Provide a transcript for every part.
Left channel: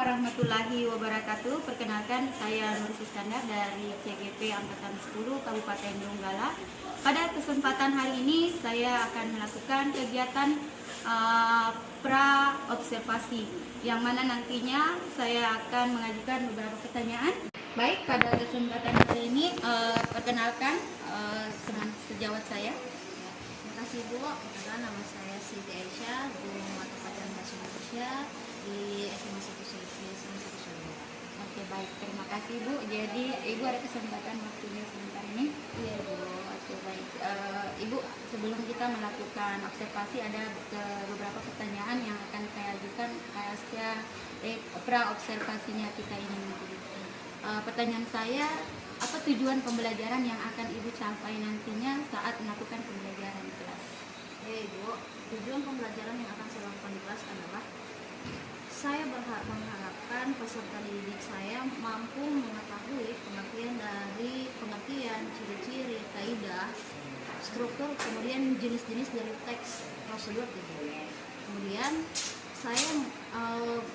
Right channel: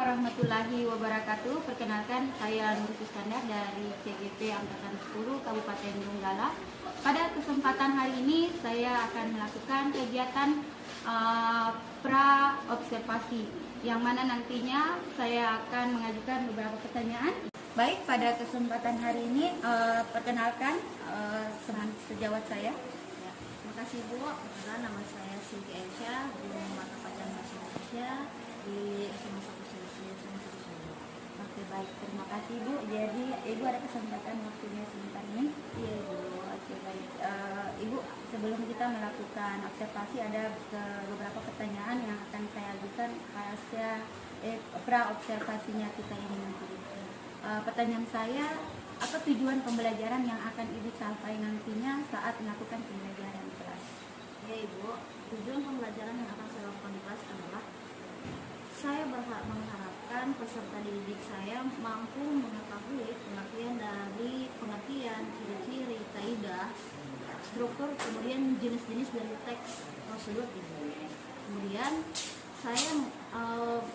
Warahmatullahi wabarakatuh. Perkenalkan, saya Nur Iskandar dari CGP Angkatan 10 Kabupaten Donggala. Pada kesempatan hari ini saya akan melakukan kegiatan pra observasi, yang mana nantinya saya akan mengajukan beberapa pertanyaan. Baik, pada kesempatan hari ini perkenalkan sejawat saya. Ya, terima kasih Bu. Perkenalkan, nama saya Siti Aisyah, guru mata pelajaran bahasa Indonesia di SMA 1 Solo. Oke, baik, terima kasih Bu. Jadi Ibu ada kesempatan waktunya sebentar ini. Iya Bu. Oke, baik. Ibu, sebelum kita melakukan observasi ada beberapa pertanyaan yang akan saya ajukan pasca pra observasinya kita ini nanti. Pertanyaan saya, apa tujuan pembelajaran yang akan Ibu capai nantinya saat melakukan pembelajaran di kelas? Ya Ibu, tujuan pembelajaran yang akan saya lakukan di kelas adalah saya mengharapkan peserta didik saya mampu mengetahui pengertian, ciri-ciri, kaidah, struktur, kemudian jenis-jenis dari teks prosedur gitu. Kemudian saya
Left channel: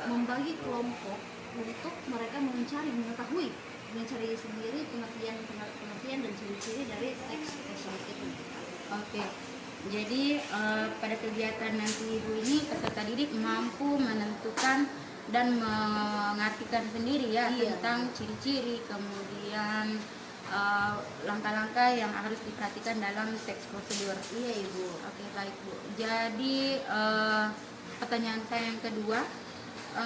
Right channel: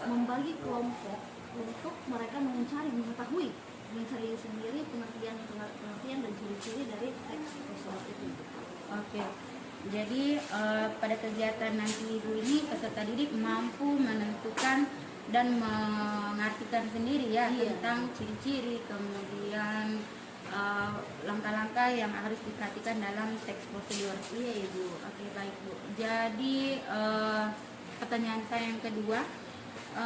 membagi kelompok untuk mereka mencari sendiri pengertian dan ciri-ciri dari teks prosedur itu. Oke. Jadi pada kegiatan nanti Ibu ini peserta didik mampu menentukan dan mengartikan sendiri ya, Iya, tentang ciri-ciri, kemudian langkah-langkah yang harus diperhatikan dalam teks prosedur. Iya Ibu. Oke, baik Bu. Jadi pertanyaan saya yang kedua,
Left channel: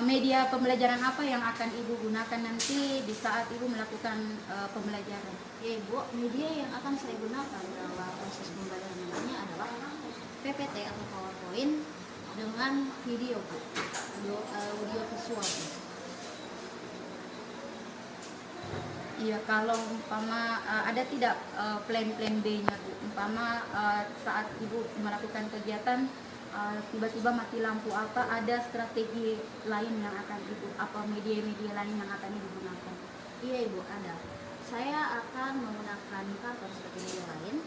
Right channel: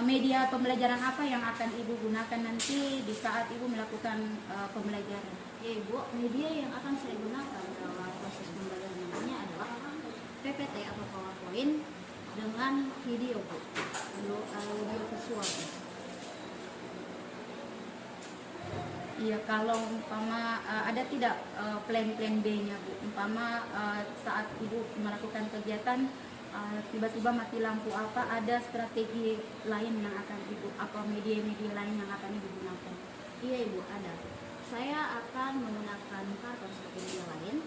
media pembelajaran apa yang akan Ibu gunakan nanti di saat Ibu melakukan pembelajaran? Ya Ibu, media yang akan saya gunakan dalam proses pembelajaran nantinya adalah PPT atau PowerPoint dengan video Bu, audio visual. Iya, kalau umpama ada tidak plan B-nya Bu? Umpama saat Ibu melakukan kegiatan tiba-tiba mati lampu, apa ada strategi lain yang akan Ibu, apa media-media lain yang akan Ibu gunakan? Iya Ibu, ada. Saya akan menggunakan karton seperti media lain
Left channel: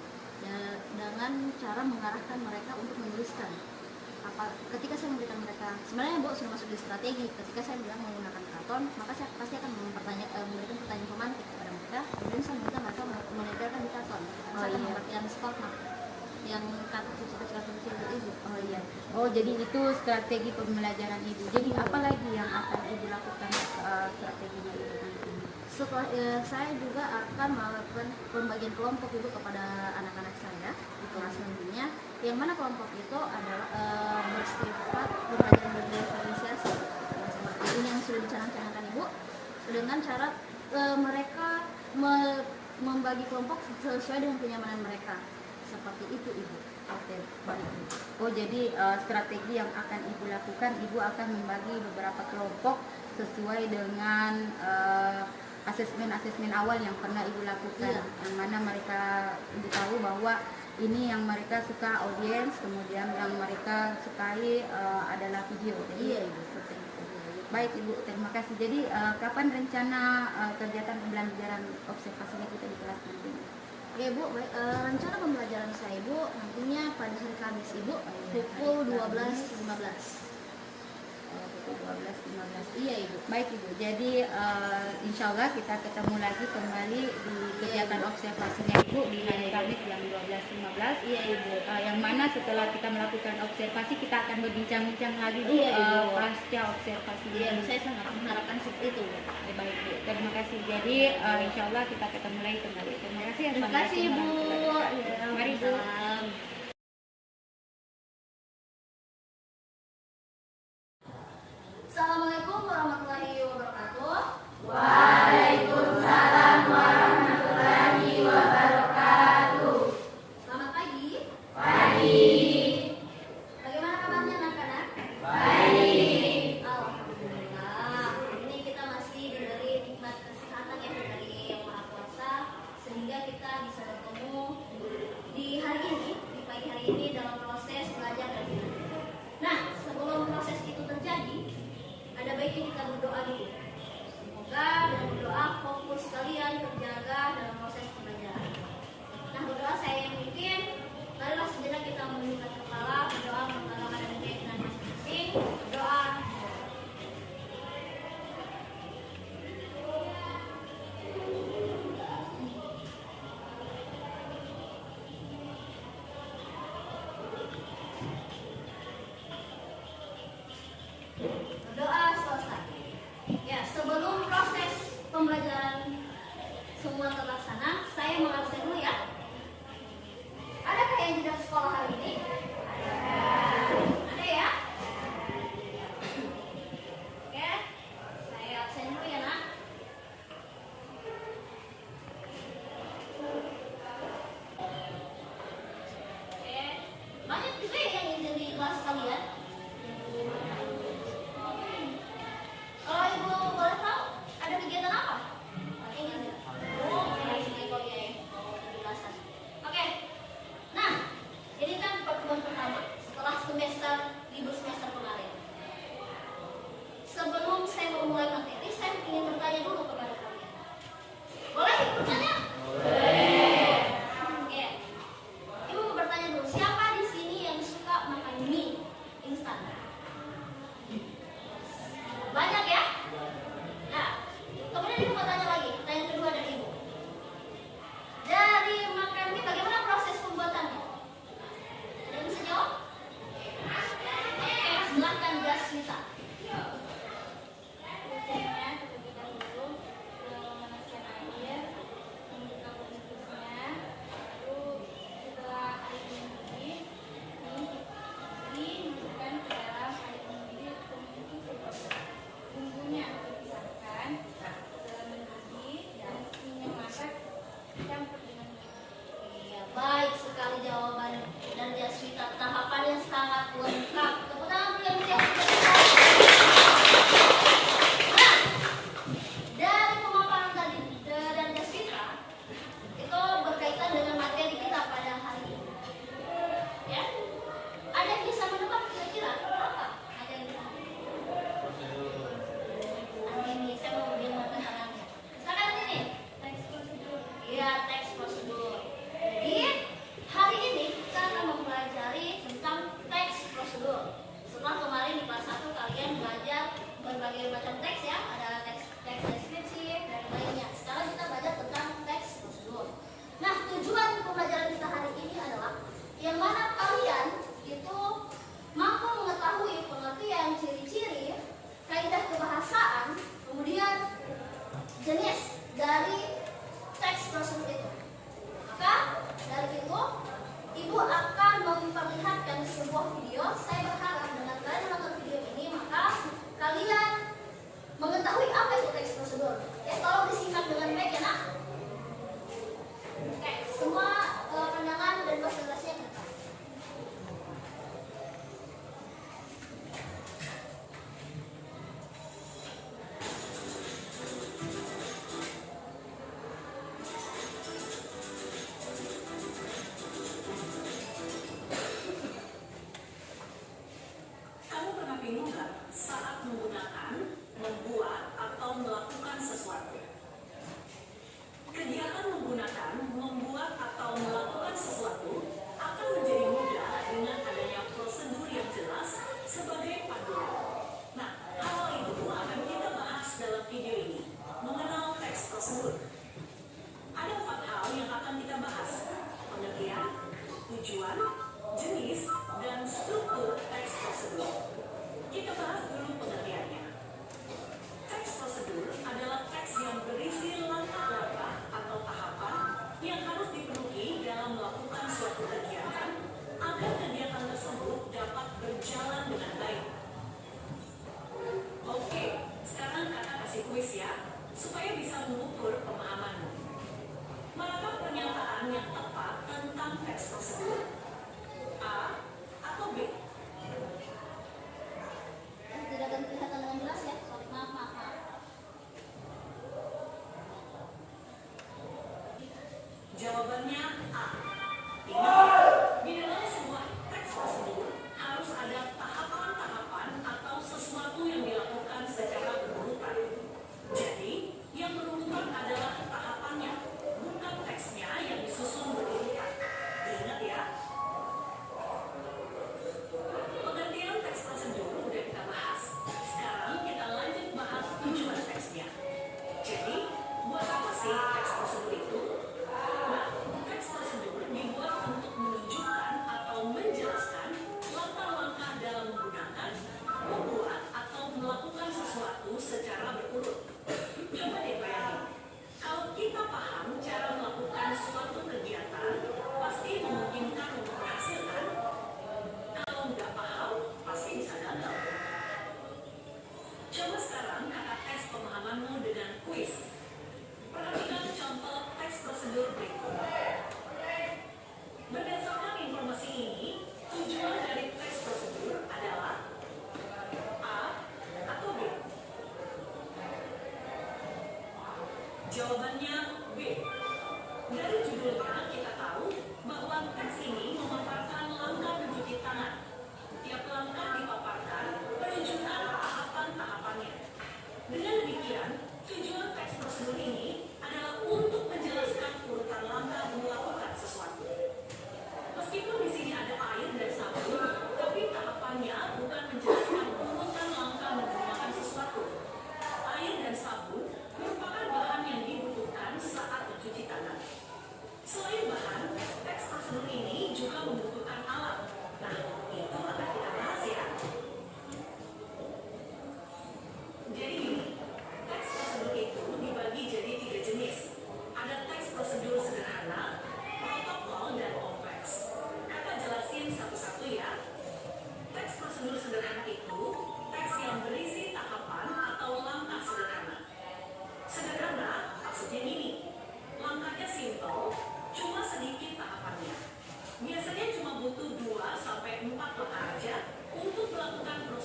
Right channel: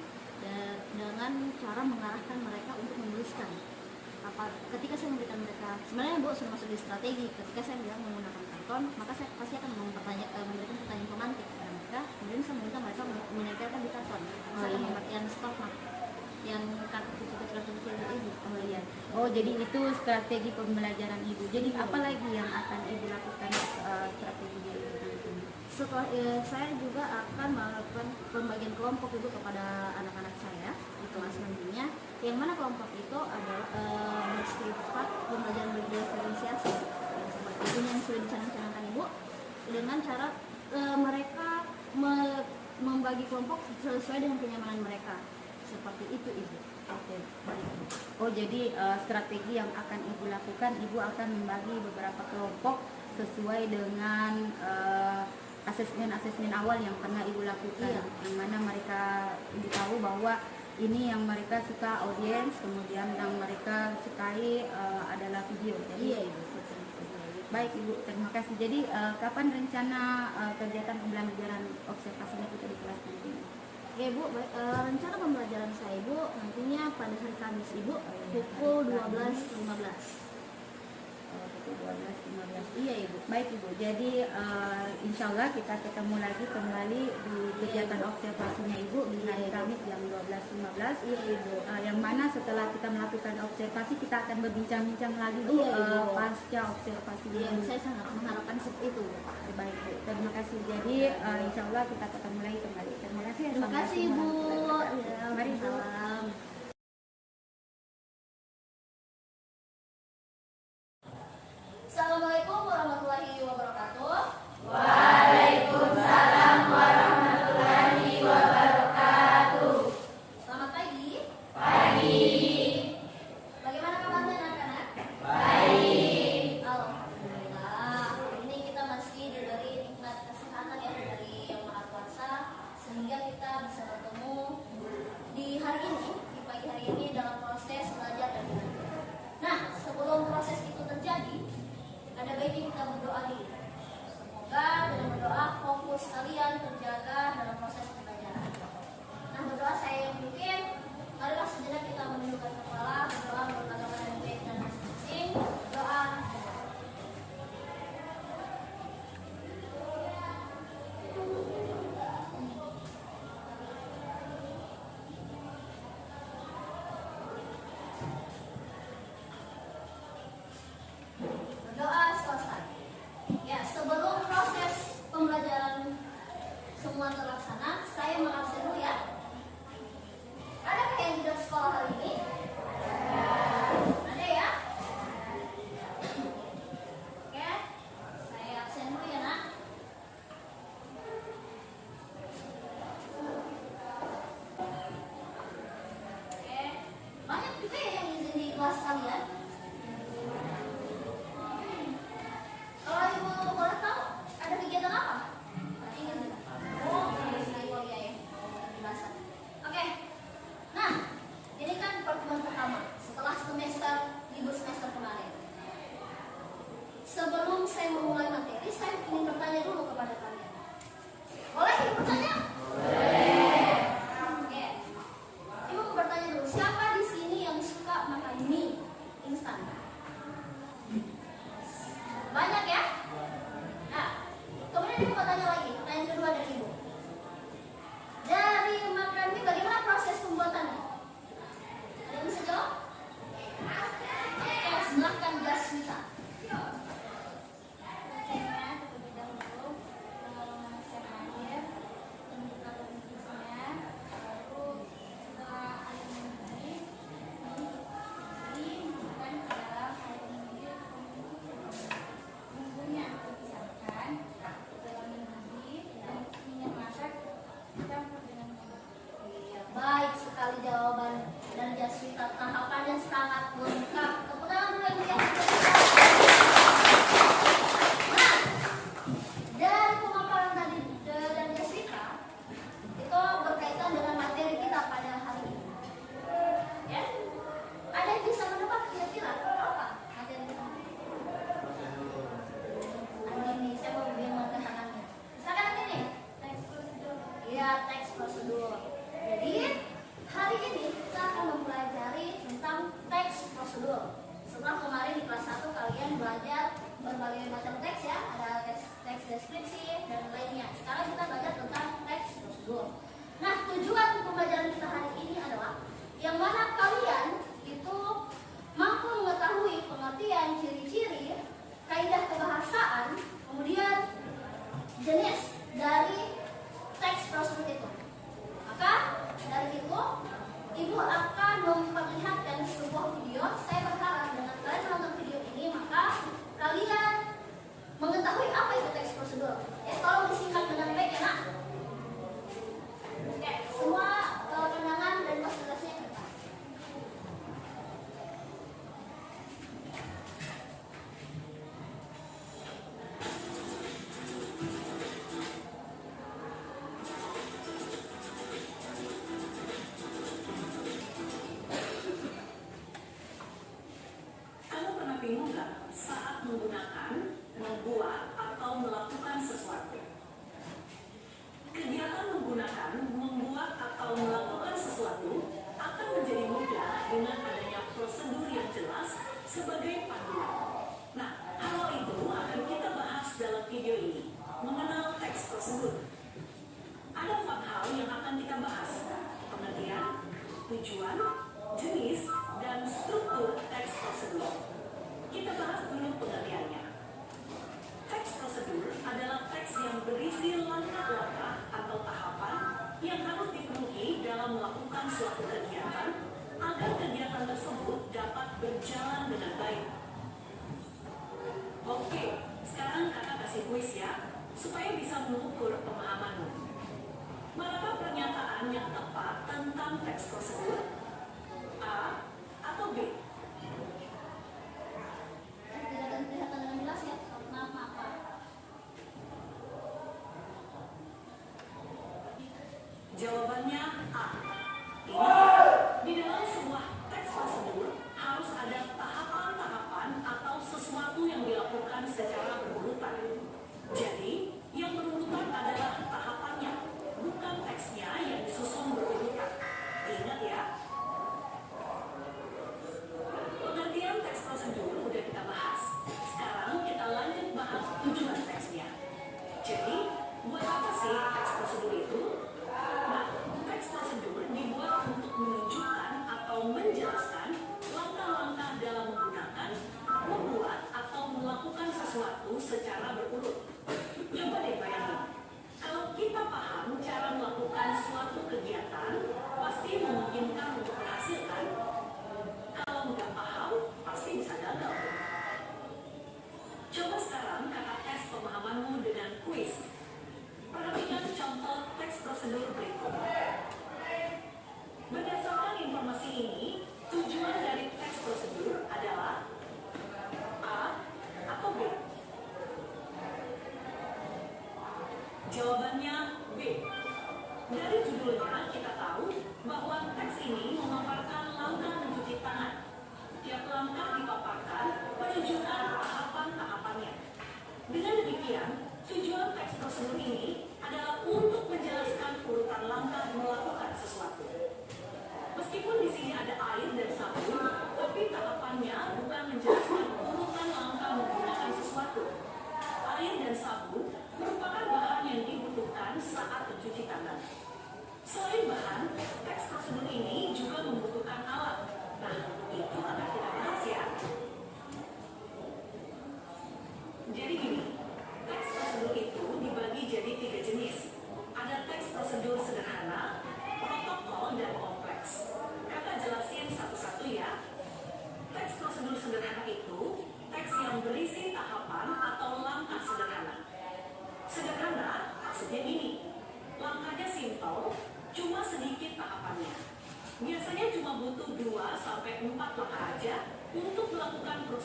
dengan cara mengarahkan mereka untuk menuliskan. Ketika saya memberikan mereka, sebenarnya Bu sudah masuk di strategi. Ketika saya bilang menggunakan karton, maka saya pasti akan memberikan pertanyaan pemantik kepada mereka. Kemudian saya meminta mereka menempelkan di karton. Saya akan memberikan stok yang kartu kecil itu. Oh iya. Oh, jadi itu strategi pembelajaran Ibu. Jadi apa lagi yang akan Ibu lakukan strateginya Ibu nanti? Setelah saya juga akan melakukan pembagian kelompok Ibu kepada anak-anak saya di kelas nantinya, yang mana kelompok itu adalah bersifat pembelajaran berdiferensiasi yang seperti ini yang sudah dicanangkan Ibu, dengan cara mereka membagi kelompok sesuai dengan kenyamanan mereka, seperti itu Ibu. Oke, baik. Oh, jadi strategi yang akan Ibu lakukan, Ibu akan membagi beberapa kelompok sesuai dengan asesmen awal yang pernah Ibu lakukan. Iya. Yang mana mereka Ibu tahu bahwa ini yang mereka suka audiens, kemudian yang mereka sukai adalah video. Jadi, Iya Ibu. Baik Ibu, terima kasih. Jadi kapan rencana kegiatan pembelajaran observasinya kita di kelas nanti? Oke Bu, baik, rencana pembelajaran saya Ibu nantinya pada hari Kamis Ibu pukul 12.15. Pukul 12.15. Iya Ibu. Baik Ibu, jadi insya Allah kita ketemu lagi kembali di kegiatan observasinya Ibu di hari Kamis jam 12.15. Iya Ibu. Yang mana setelah kita melakukan observasi kita akan berbincang-bincang lagi Bu, Iya, Ibu. pasca observasi. Iya, saya sangat mengharapkan seperti itu. Baik Bu, terima kasih. Jadi insya Allah kita ketemu lagi kembali. Terima kasih. Terima kasih Bu. Ya, mari Bu. Salam. Assalamualaikum warahmatullahi wabarakatuh. Waalaikumsalam warahmatullahi wabarakatuh. Selamat pagi. Pagi. Bagaimana kabarnya anak-anak? Baik. Alhamdulillah. Ini kita masih diberi nikmat kesehatan ya dari Yang Maha Kuasa, sehingga kita bisa bertemu di hari ini, di pagi hari ini dalam proses belajar dan mengajar. Nah, sebelum proses itu terjadi, ada baiknya kita berdoa dulu. Semoga dengan berdoa fokus kalian terjaga dalam proses pembelajaran. Nah, berdoa saya yang mungkin, marilah sejenak kita menundukkan kepala, berdoa mengutamakan dan keyakinan masing-masing. Berdoa. pertemuan pertama setelah libur semester kemarin. Sebelum saya memulai materi, saya ingin bertanya dulu kepada kalian. Boleh Ibu bertanya? Boleh. Oke. Ibu bertanya dulu, siapa di sini yang suka makan mie instan? Banyak ya? Nah, kemudian Ibu bertanya lagi, pertanyaan kedua dari Ibu. Dari makan mie, bagaimana proses pembuatannya? Ada yang bisa jawab? Oke, silahkan Jaswita. Prosesnya terlebih dahulu memanaskan air, membuka pemikusnya, lalu setelah air mendidih, dimasukkan ke dalam air mendidih untuk bumbunya dipisahkan setelah mendidih dan minyak masak dicampur dengan minyak. Iya, baik sekali jawaban dan Jaswita, tahapannya sangat lengkap. Tepuk tangan dulu yang meriah untuk Jaswita. Nah, dari pemaparan tadi dan Jaswita, itu berkaitan dengan materi kita pada hari ini. Ya, ada yang bisa menebak kira-kira apa materi kita? Ini saya mau mengenalkan tangannya. Misalkan yang ini. Teks prosedur. Iya, teks prosedur. Jadi, hari ini kita akan mempelajari tentang teks prosedur. Setelah kemarin di kelas 1 kalian belajar berbagai macam teks ya, ada teks deskripsi dan lainnya. Sekarang kita belajar tentang teks prosedur. Nah, tujuan pembelajaran kita hari ini adalah yang mana kalian itu mampu mengetahui pengertian, ciri-ciri, kaidah kebahasaan, kemudian jenis dari teks prosedur itu. Maka dari itu, Ibu akan memperlihatkan sebuah video. Saya berharap dengan kalian menonton video ini, maka kalian mengetahui apa itu teks prosedur. Ya, tolong disingkat dengan baik ya nak. Oke, semua pandangan dan konsentrasinya ke depan. Kamu pernah bingung nggak saat menggunakan, membuat, atau melakukan sesuatu? Kegiatan menggunakan, membuat, atau melakukan sesuatu akan menjadi mudah dengan adanya prosedur yang jelas sebagai panduan. Nah, hal itu akan kita bahas dalam video ini, mengenal teks prosedur. Ada 4 hal yang akan kita bahas: pengertian, tujuan, jenis, dan struktur teks prosedur. Kita bahas dulu pengertiannya. Teks prosedur adalah teks yang berisi langkah-langkah atau tahapan yang harus dipenuhi dalam melakukan suatu kegiatan agar kegiatan tersebut dapat berjalan dengan baik. Oke, sekarang kakak kasih kuis ya, supaya bisa mengukur pemahamanmu. Manakah pernyataan yang tepat tentang teks prosedur? A atau B? Tidak akan kelihatan dengan jelas ya. Maaf. Jawabannya A. Ingat, di dalam sebuah teks prosedur harus ada tahapan-tahapan atau sesuatu yang dilakukan secara berurutan. Jadi, yang berurutan adalah tahapannya, bukan teksnya yang disusun berurutan. Ingat ya. Pengertian teks prosedur udah kita bahas. Sekarang kita lanjut bahas tujuan teksnya. Jadi, buat apa sih teks prosedur itu? Nah, teks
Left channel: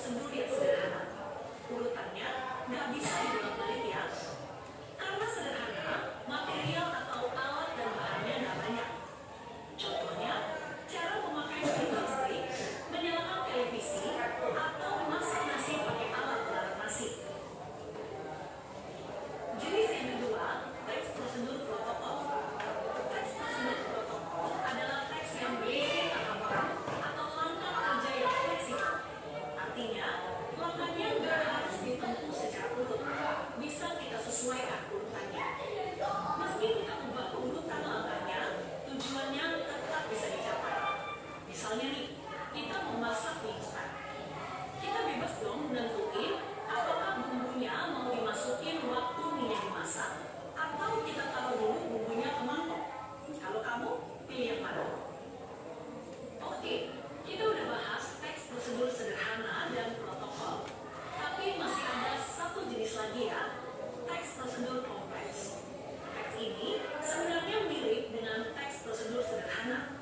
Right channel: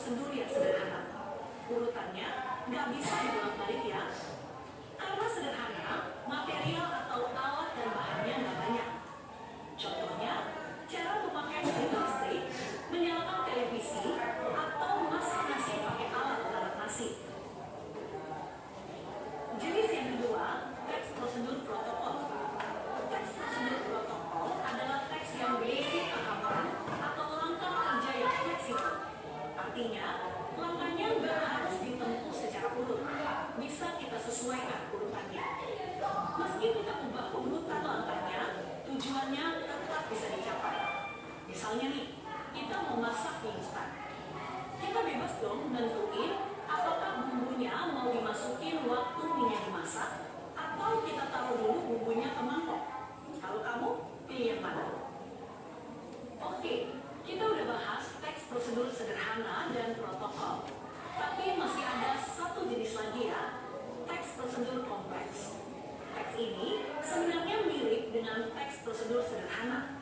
prosedur yang sederhana. Urutannya nggak bisa dibolak-balik ya. Karena sederhana, material atau alat dan bahannya nggak banyak. Contohnya, cara memakai mesin listrik, menyalakan televisi, atau masak nasi pakai alat pengawet nasi. Jenis yang kedua, teks prosedur protokol. Teks prosedur protokol adalah teks yang berisi tahapan atau langkah kerja yang fleksibel. Artinya, langkahnya nggak harus ditempuh secara urut. Bisa kita sesuaikan urutannya. Meski kita ubah urutan langkahnya, tujuannya tetap bisa dicapai. Misalnya nih, kita memasak mie instan. Kita bebas dong menentuin apakah bumbunya mau dimasukin waktu mie dimasak atau kita taruh dulu bumbunya ke mangkok. Kalau kamu, pilih yang mana? Oke, kita udah bahas teks prosedur sederhana dan protokol. Tapi masih ada satu jenis lagi ya, teks prosedur kompleks. Teks ini sebenarnya mirip dengan teks prosedur sederhana.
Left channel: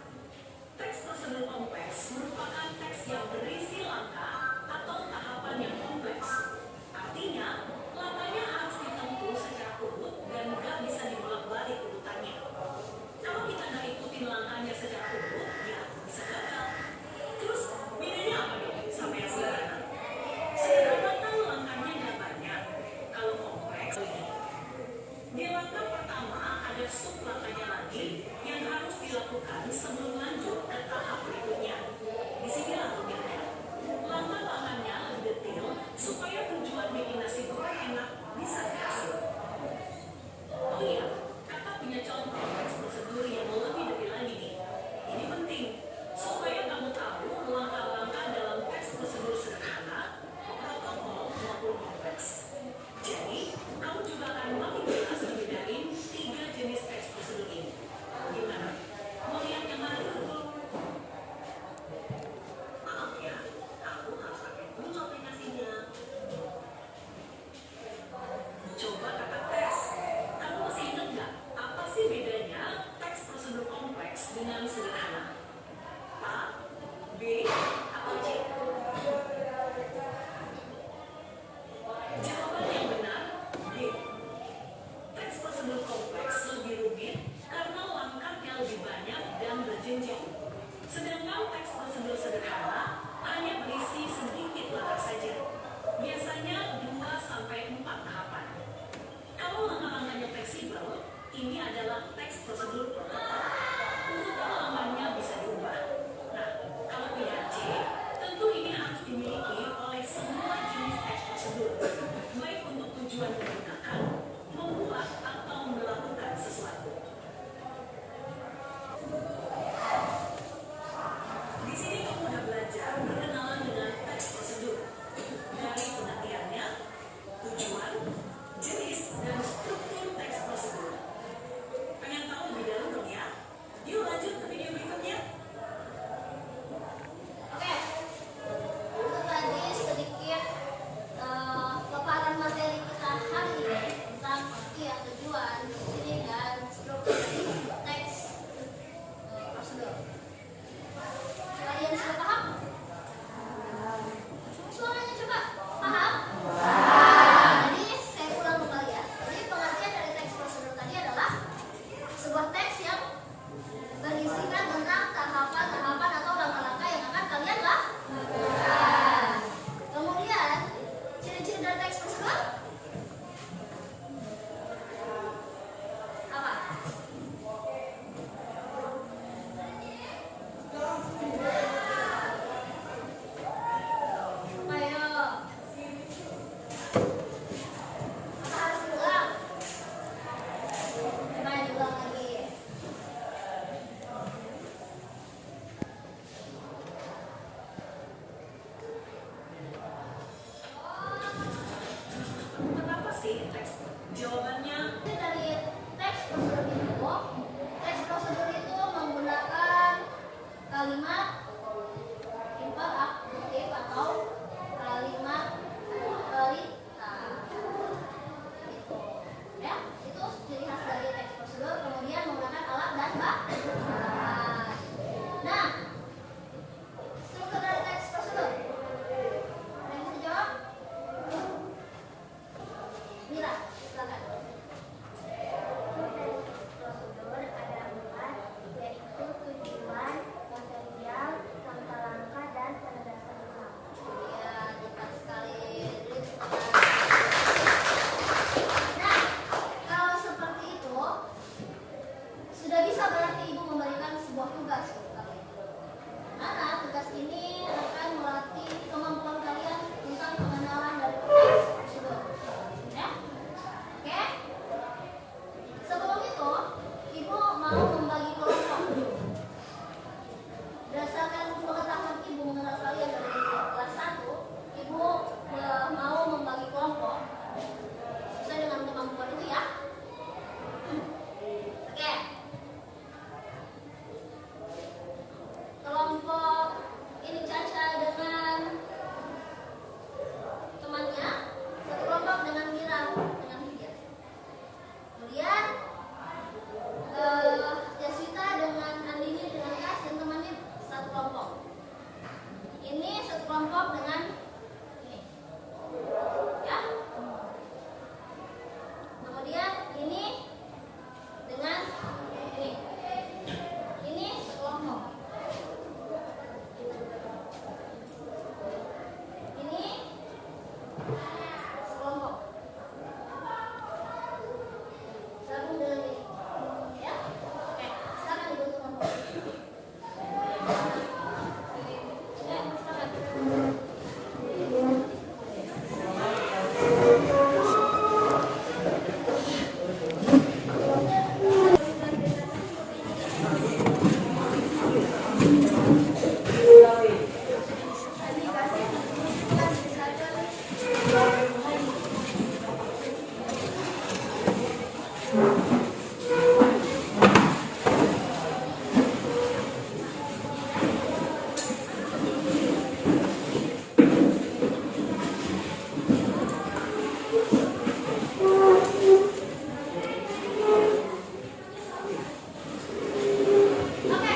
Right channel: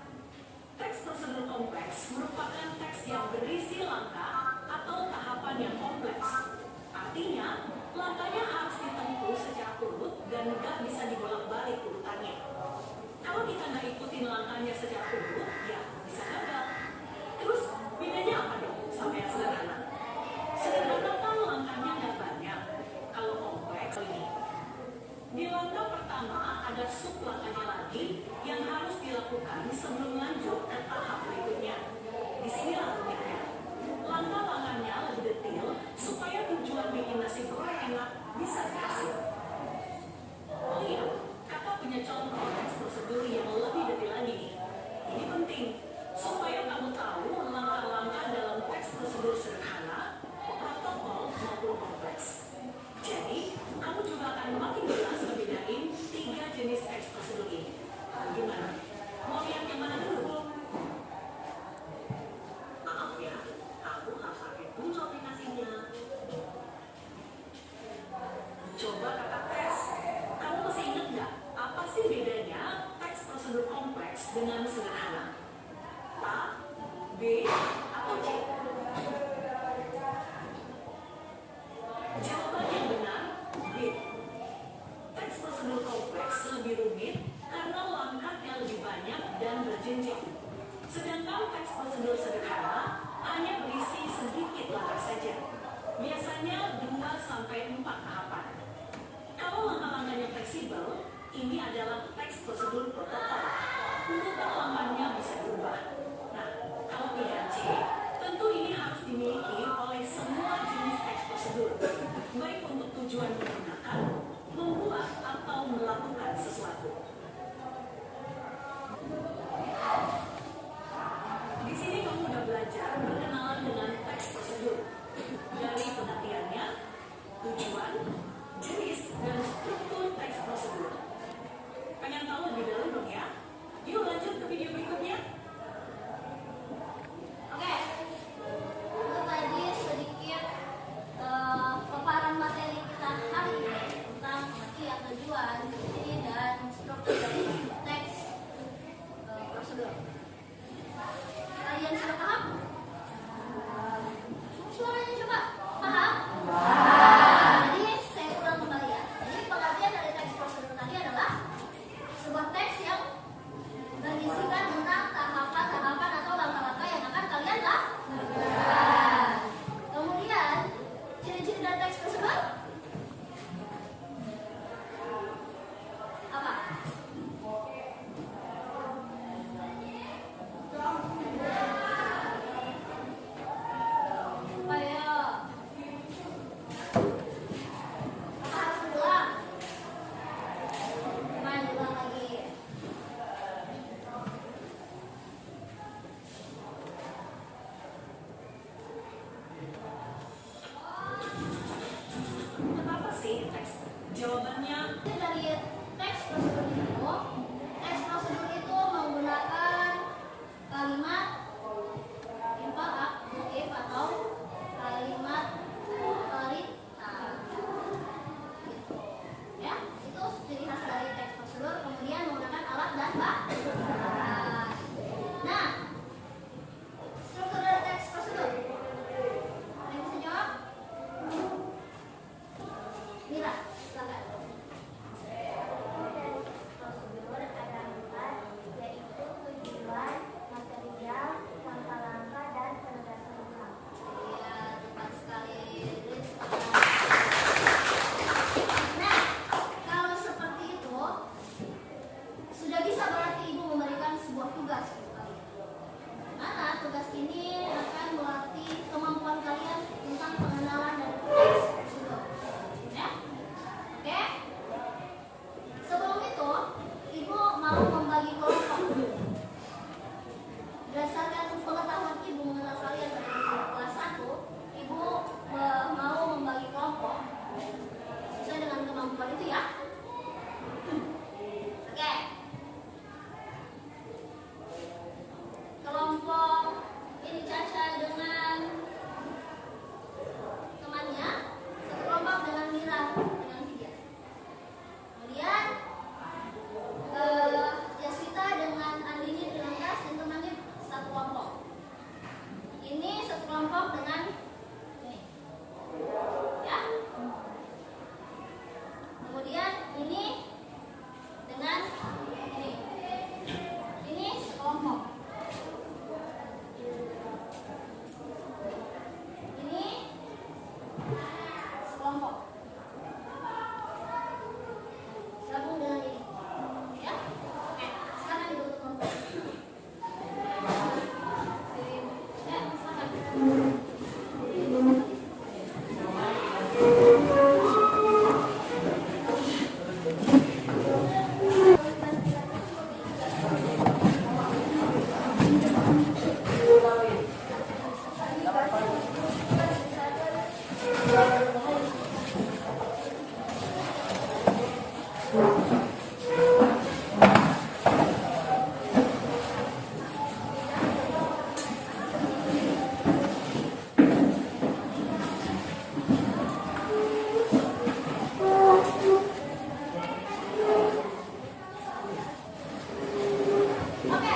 Teks prosedur kompleks merupakan teks yang berisi langkah atau tahapan yang kompleks. Artinya, langkahnya harus ditempuh secara urut dan nggak bisa dibolak-balik urutannya. Kalau kita nggak ikutin langkahnya secara urut, ya bisa gagal. Terus, bedanya apa dong sama yang sederhana? Sederhana kan langkahnya nggak banyak. Kalau kompleks, ini. Di langkah pertama ada sub langkahnya lagi yang harus dilakukan sebelum lanjut ke tahap berikutnya. Di sinilah rumitnya. Langkah-langkahnya lebih detail supaya tujuan bikin nasi goreng enak bisa berhasil. Oh iya, kakak punya contoh teks prosedur yang lebih detail lagi nih. Ini penting supaya kamu tahu langkah-langkah dalam teks prosedur sederhana, protokol maupun kompleks. Jadi, kamu juga akan makin jelas membedain 3 jenis teks prosedur ini. Gimana? Mau lihat yang mana dulu? Maaf ya, kamu harus pakai dulu aplikasinya. Coba kakak tes. Kamu masih ingat nggak apa sih bedanya teks prosedur kompleks dengan sederhana? A, B, atau C? sekelompok dengan ini, ya. Kemudian ini dengan ini sekelompok. Ini sekelompok. Sambung dengan ini, ya. Oke, sekarang dibentuk kelompok. Ya, silakan. Oke,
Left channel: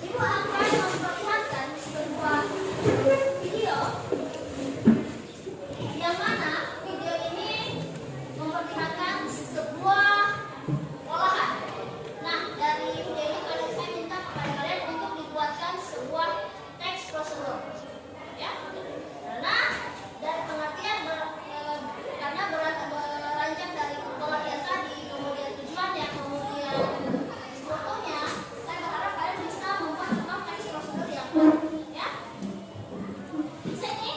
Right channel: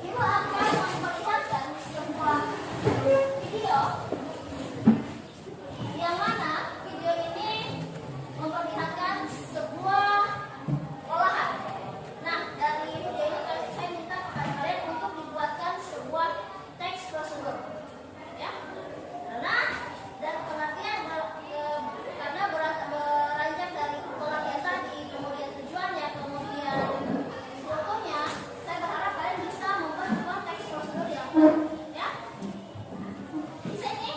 Ibu akan memperlihatkan sebuah video yang mana video ini memperlihatkan sebuah olahan. Nah, dari video ini saya minta kepada kalian untuk dibuatkan sebuah teks prosedur, ya. Karena dari pengertian karena beranjak dari pengertian tadi, kemudian tujuannya, kemudian strukturnya, saya berharap kalian bisa membuat sebuah teks prosedur yang baik, ya. Sini.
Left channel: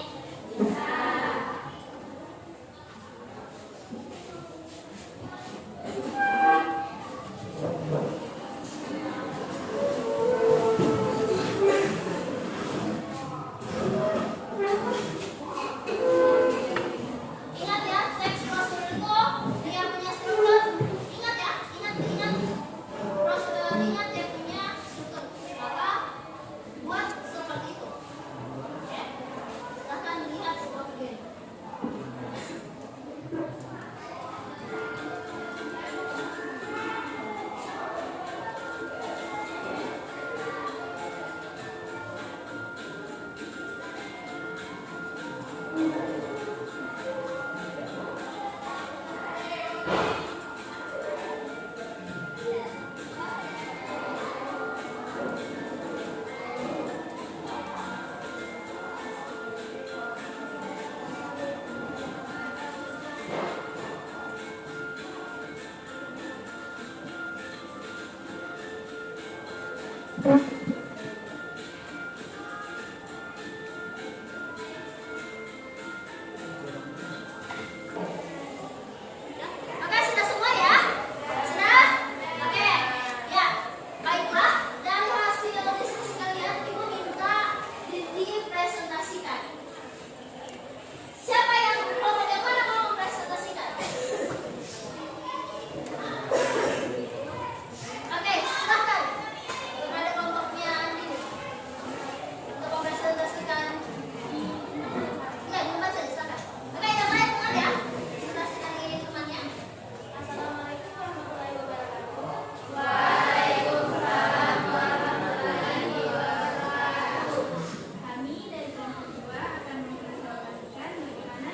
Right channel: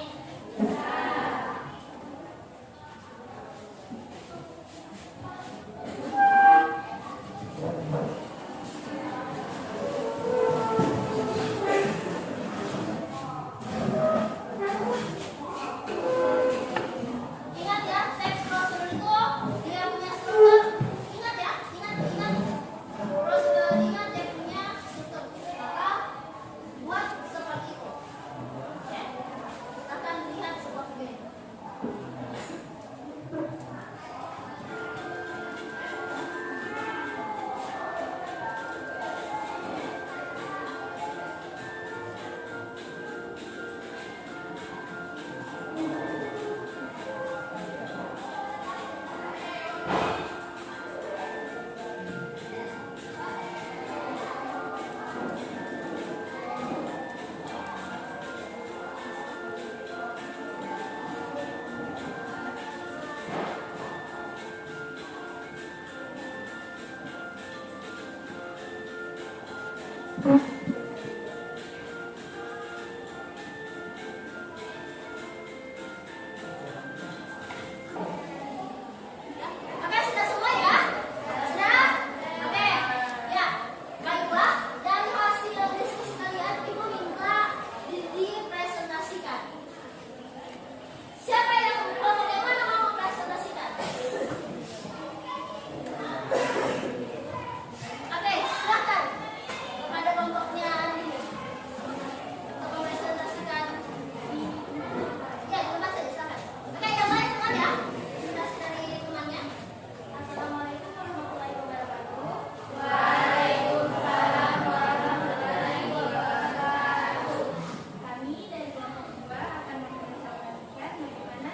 Ingat ya, teks prosedur itu dia punya struktur. Ingat ya, ingat prosedur, ingat dia punya struktur. Maka buat seperti itu. Oke, silahkan lihat sebuah video. Oke, sudah semua ya? Sudah? Oke. Ya. Baiklah, dari hasil diskusi kalian Ibu minta dipresentasikan. Siapa yang bagaimana mau mempresentasikan? Oke, silahkan. Ada kelompoknya ini. Untuk mempresentasikan. Ya, dilepas saja, silahkan. Oke, yang lain dengar ya. Presentasi dari temannya. Assalamualaikum warahmatullahi wabarakatuh. Kami dari kelompok 2 akan mempresentasikan bagaimana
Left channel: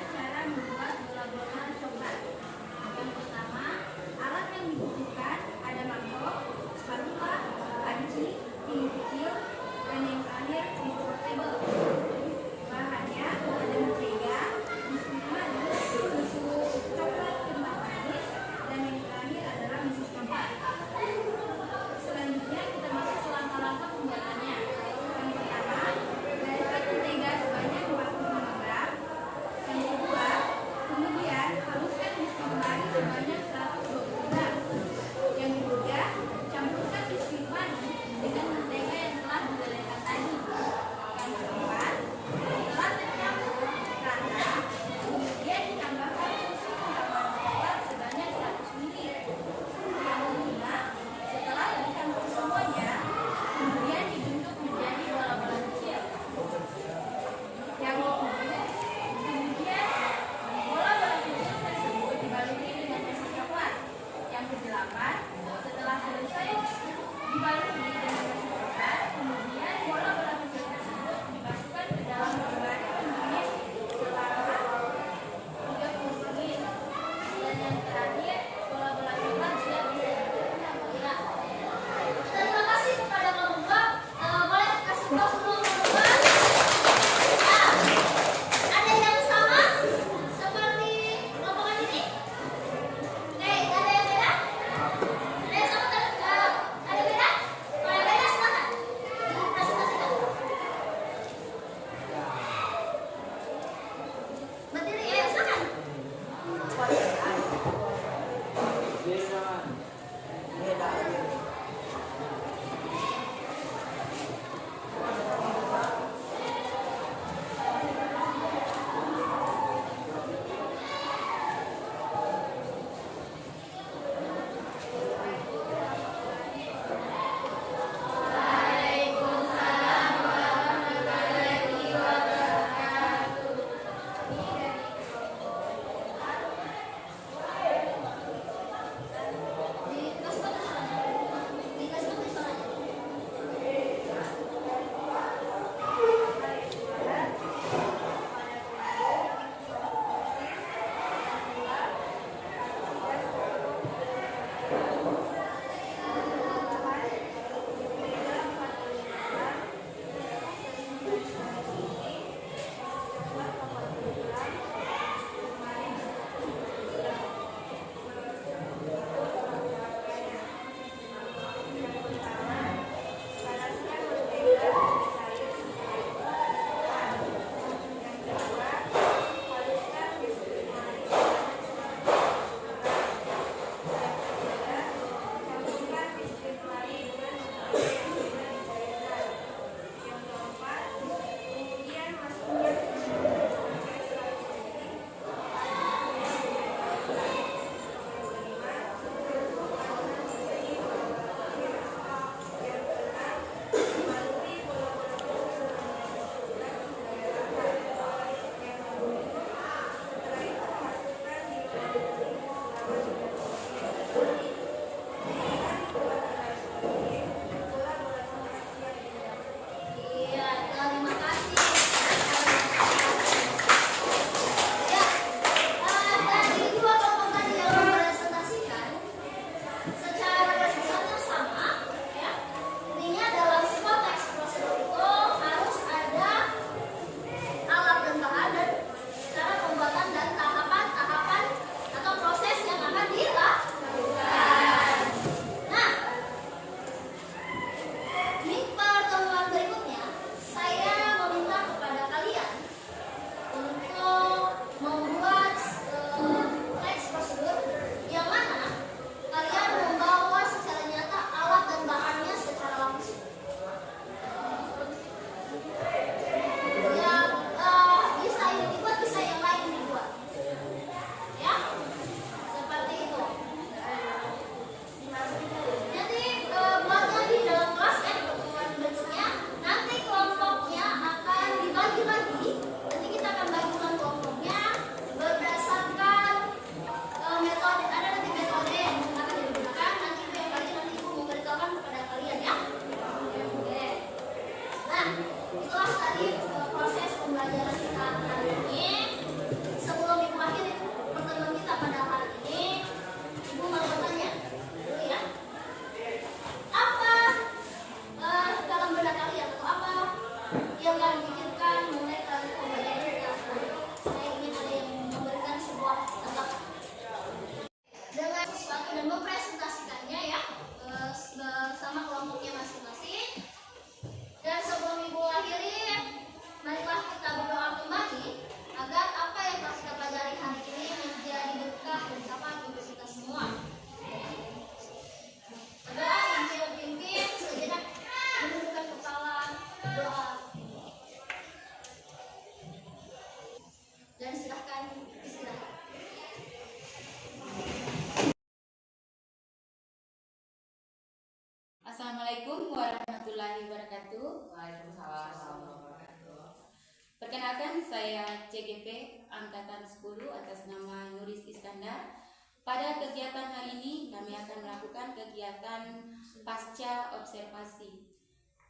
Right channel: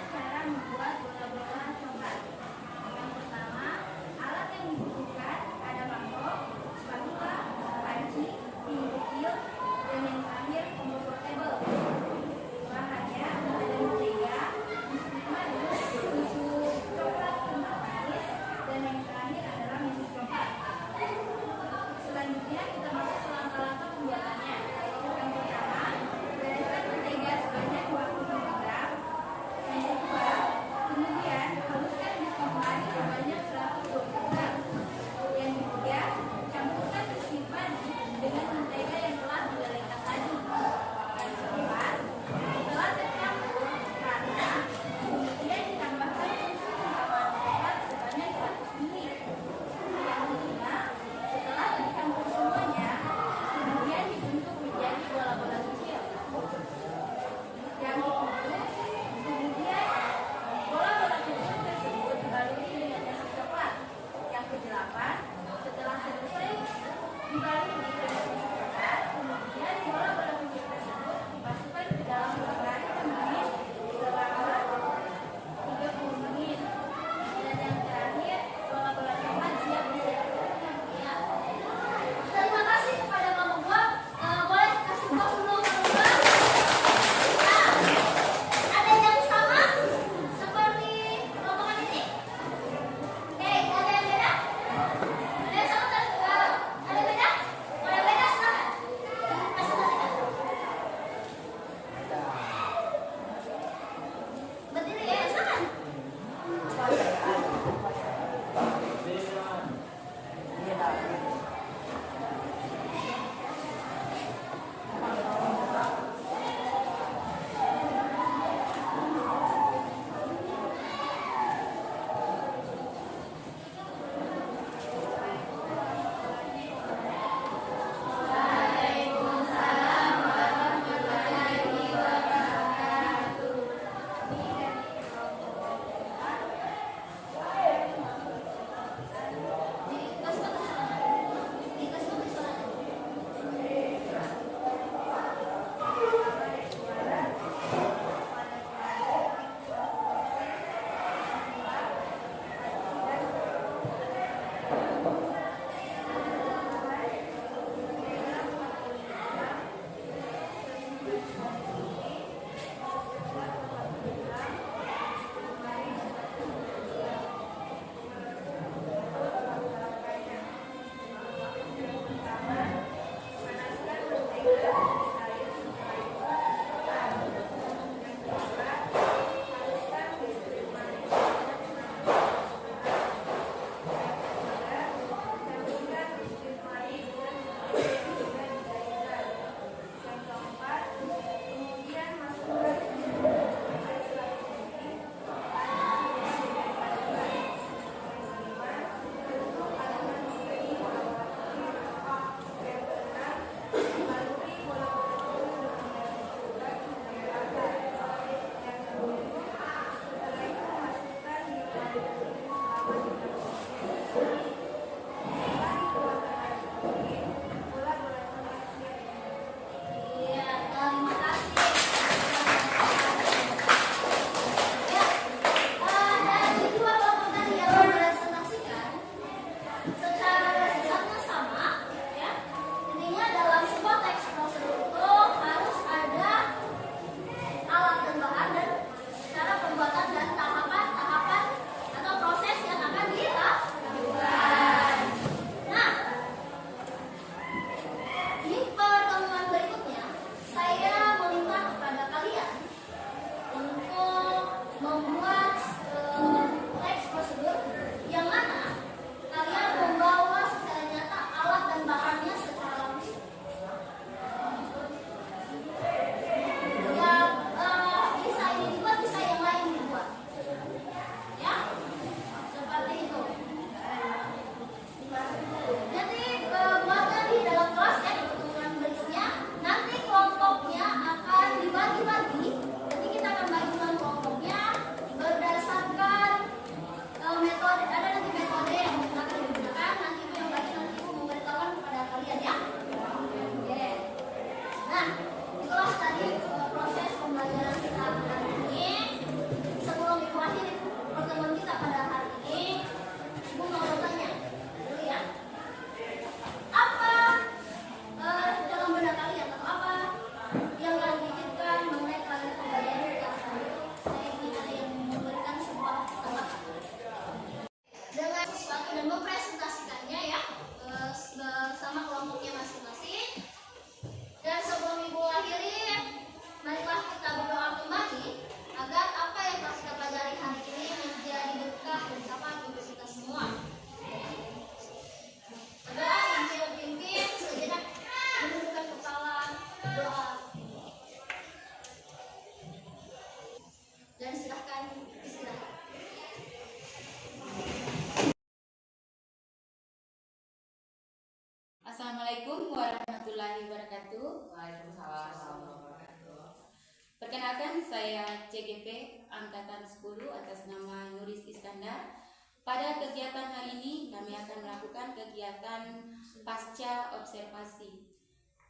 saya CGP Angkatan 10 atas nama Nuris Iskandar. Pada kegiatan hari ini kami akan melakukan kegiatan pasca observasi,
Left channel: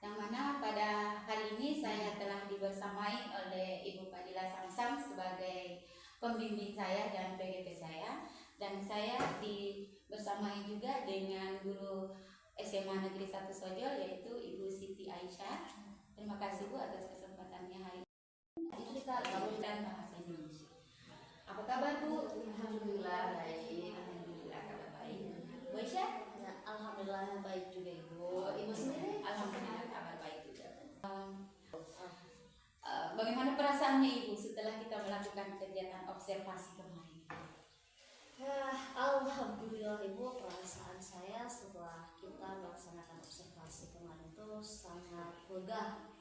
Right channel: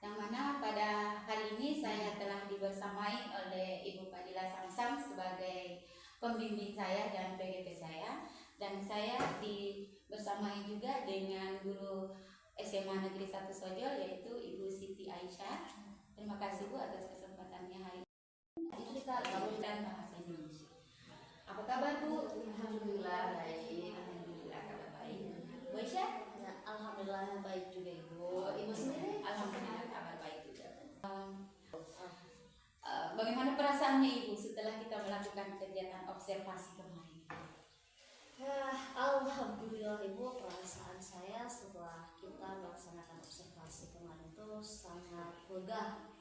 yang mana pada hari ini saya telah dibersamai oleh Ibu Fadila Samsam sebagai pembimbing saya dan PGP saya, dan saya dibersamai juga dengan guru SMA Negeri 1 Sojol yaitu Ibu Siti Aisyah. Terima kasih Bu atas kesempatannya hari ini. Kita dan bahasa Indonesia. Apa kabar Bu? Alhamdulillah baik. Alhamdulillah kabar baik. Bu Aisyah? Ya, alhamdulillah baik juga Ibu. Ibu sendiri? Alhamdulillah kabar baik juga. Bagaimana perasaannya Ibu setelah kita melakukan kegiatan observasi kemarin? Ya, alhamdulillah Ibu, perasaan saya setelah kita melaksanakan observasi kemarin itu sangat lega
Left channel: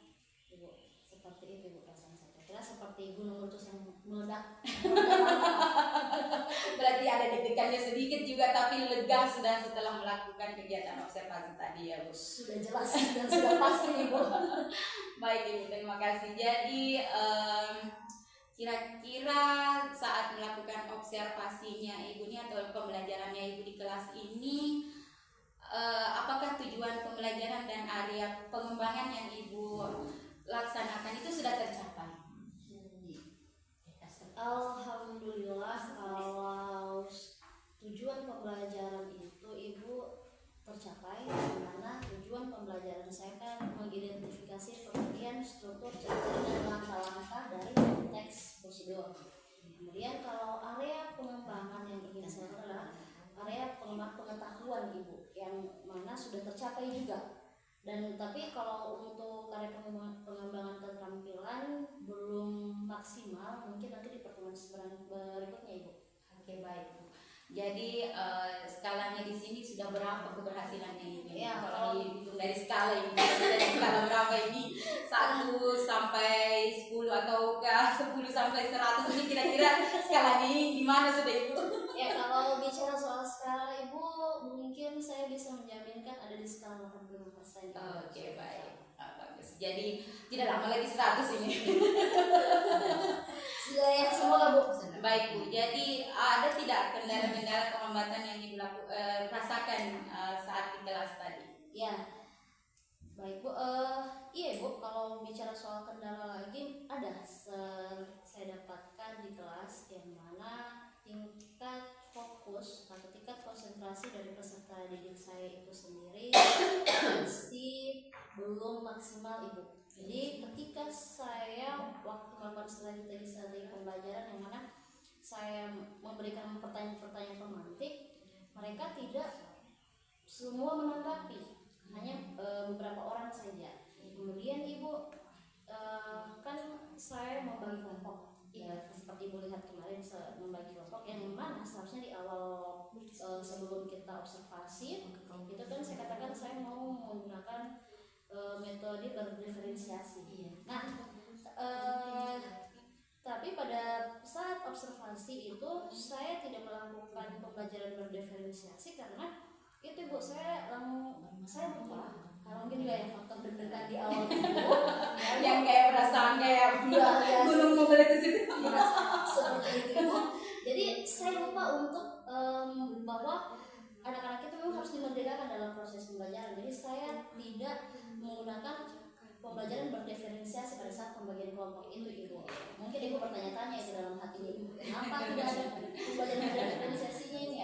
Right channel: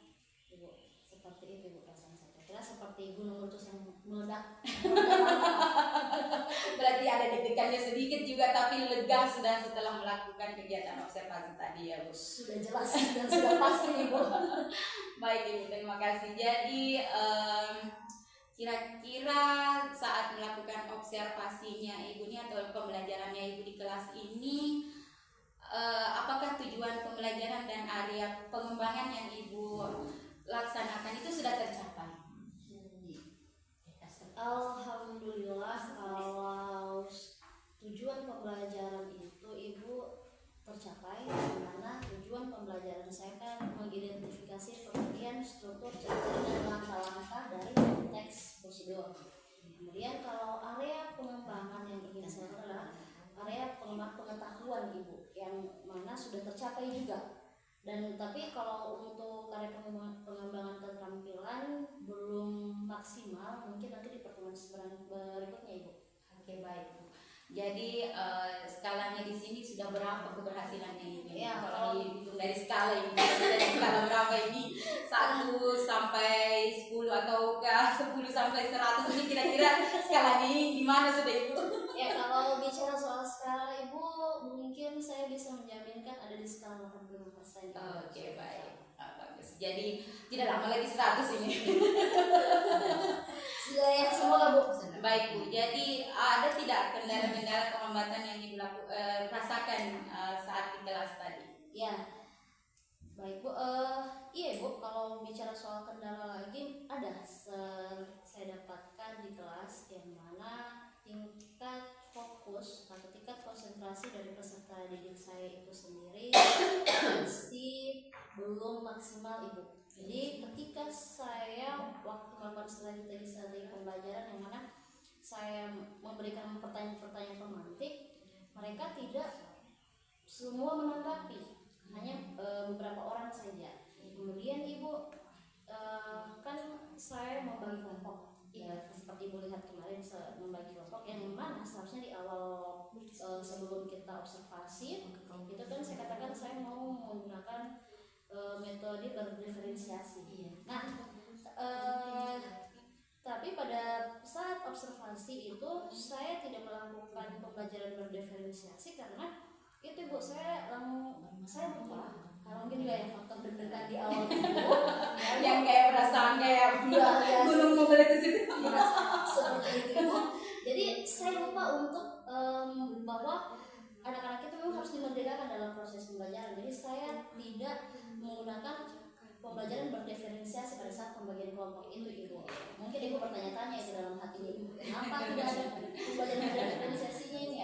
Ibu. Seperti itu Ibu perasaan saya. Kira seperti gunung meletus yang meledak. Berarti ada deg-degannya sedikit juga, tapi lega sudah setelah melakukan kegiatan observasi tadi ya Bu. Sudah jelas dan sudah pasti Ibu. Baik Ibu, terima kasih. Jadi kira-kira saat melakukan observasinya Ibu ini atau pembelajarannya Ibu di kelas ini, apakah tujuan pembelajaran dan area pengembangan yang Ibu laksanakan itu sudah tercapai? Alhamdulillah, kalau tujuan pembelajaran itu Ibu tercapai, karena tujuan pembelajaran saya kan mengidentifikasi pengertian, struktur, ciri dan langkah-langkah dari teks prosedur. Kemudian kalau area pengembangan yang ingin saya adalah area pengetahuan Ibu, yang mana sudah tercapai juga. Dan tapi kalau untuk area pengembangan keterampilan belum maksimal, mungkin nanti di pertemuan berikutnya Ibu. Oke, baik Bu. Jadi skalanya di sini sudah berapa keberhasilannya ini? Ya, kalau dihitung dari skala ini, dari skala berapa ini? 1 sampai 10 ataukah 10 sampai 100 ini kira-kira skalanya ini gimana sudah Ibu? Ya, kalau bicara soal skala Ibu, mungkin saya bisa menjaminkan ada di skala 85%. Oke, baik. Bagus. Jadi tidak lama lagi 100 ini. Ya, semoga Bu. Baik Bu, jadi ada tidak kendala-kendala penghambatan yang Ibu rasakan saat di kelas tadi? Ya, baik Bu. Iya Bu, kalau bicara soal kendala lagi ada. Saya dapatkan di kelas yang mana tingkat fokus atau tingkat konsentrasi dari peserta didik saya itu sendiri masih belum maksimal Ibu. Jadi ketika saya waktu melakukan strategi pembelajaran yang mana saya memberikan pertanyaan-pertanyaan pemantik, mereka tidak semua menanggapi, hanya beberapa orang saja. Kemudian Ibu, kan saya membagi kelompok, ya seperti Ibu lihat kemarin, membagi kelompok yang mana seharusnya di awal sebelum kita observasi itu kan saya katakan saya mau menggunakan metode berdiferensiasi. Nah, tapi pada saat observasi itu saya tidak melakukan pembelajaran berdiferensiasi karena itu Bu, saya lupa. Karena mungkin kayak faktor deg-degan di awal itu yang kayak perasaan kayak gunung meletus itu. Seperti itu Bu. Jadi saya lupa untuk bahwa anak-anak itu memang harus dimerdekakan dalam proses pembelajaran. Jadi saya tidak menggunakan pembelajaran berdiferensiasi pada saat pembagian kelompok itu Ibu. Mungkin Ibu bertanya-tanya itu dalam hati Ibu, kenapa tidak ada pembelajaran berdiferensiasinya ini?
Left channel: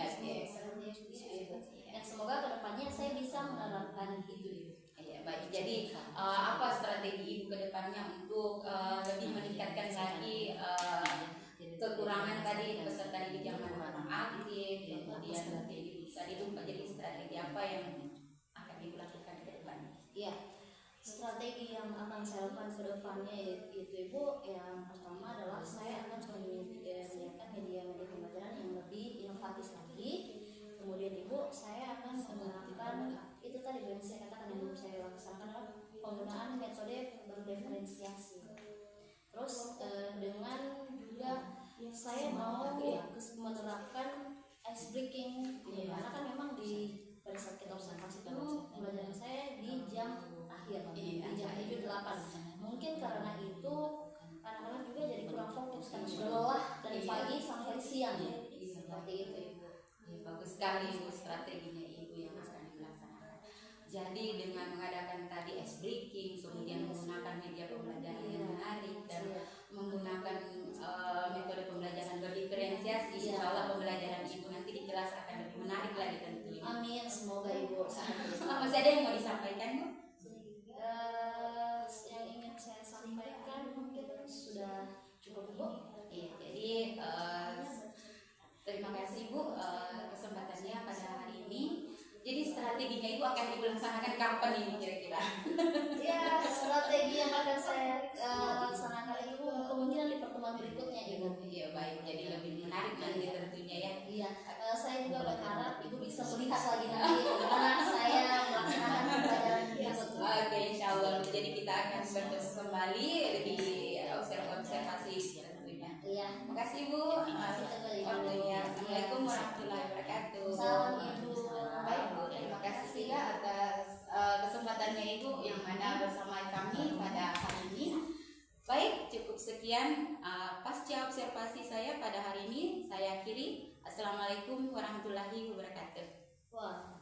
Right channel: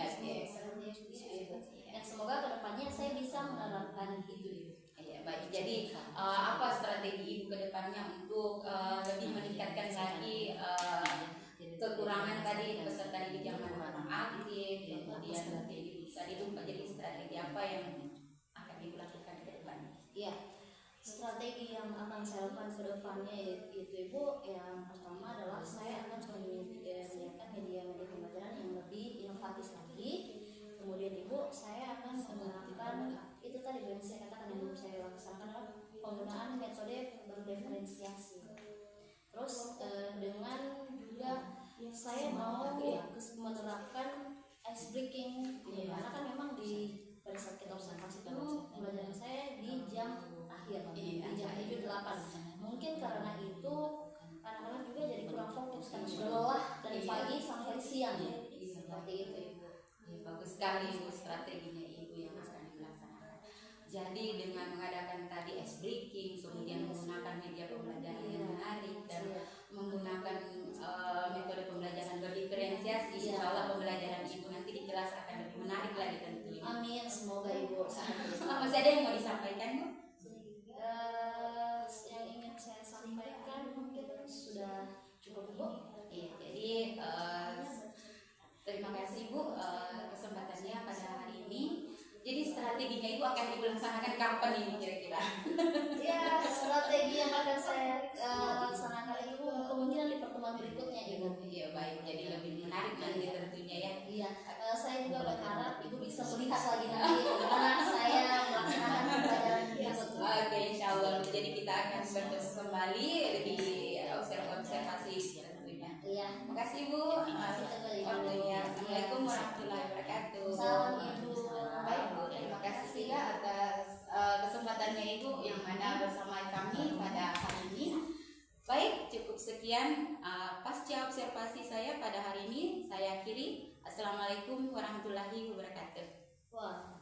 Seperti itu. Dan semoga kedepannya saya bisa menerapkan itu Ibu. Iya, baik. Jadi apa strategi Ibu kedepannya untuk lebih meningkatkan lagi kekurangan tadi peserta didik yang kurang aktif, kemudian nanti bisa dilupa, jadi strategi apa yang akan Ibu lakukan ke depannya? Iya, strategi yang akan saya lakukan ke depannya itu Ibu, yang pertama adalah saya akan menyiapkan media pembelajaran yang lebih inovatif lagi. Kemudian Ibu, saya akan menggunakan itu tadi yang saya katakan, yang belum saya laksanakan adalah penggunaan metode berdiferensiasi. Terus dengan juga saya mau menerapkan ice breaking, karena kan memang pada saat kita observasi itu pembelajaran saya di jam akhir, di jam 7-8. Mungkin karena itu anak-anak juga jadi sekali Bu strateginya Ibu yang akan dilaksanakan. Jadi dengan mengadakan tadi ice breaking, kemudian menggunakan media pembelajaran yang menarik dan menggunakan metode pembelajaran berdiferensiasi, insya Allah pembelajaran Ibu nanti di kelas akan lebih menarik lagi tentunya. Amin, semoga Ibu Masih ada yang mau disampaikan Bu? yang ingin saya sampaikan mungkin sudah cukup Bu. Iya, jadi terima kasih Bu kesempatannya pada hari ini. Jadi strateginya Ibu akan dilaksanakan kapan ini kira-kira? Ya, strategi yang akan saya laksanakan itu kemungkinan di pertemuan berikutnya Ibu. Iya baik, jadi lebih menarik nanti tentunya ya. Iya, saya juga berharap Ibu bisa melihat lagi nanti bagaimana saya melaksanakan pembelajaran berikutnya. Oke, insya Allah. Jadi kita akan bertemu kembali di observasi tentunya. Iya. Terima kasih Bu. Waktunya. Assalamualaikum warahmatullahi wabarakatuh. Salam Ibu. Baik Bu, terima kasih juga atas kesempatannya Ibu yang mana bersama kami pada hari ini. Baik, cukup sekian pasca observasi saya pada hari ini. Saya akhiri. Assalamualaikum warahmatullahi wabarakatuh. Wah.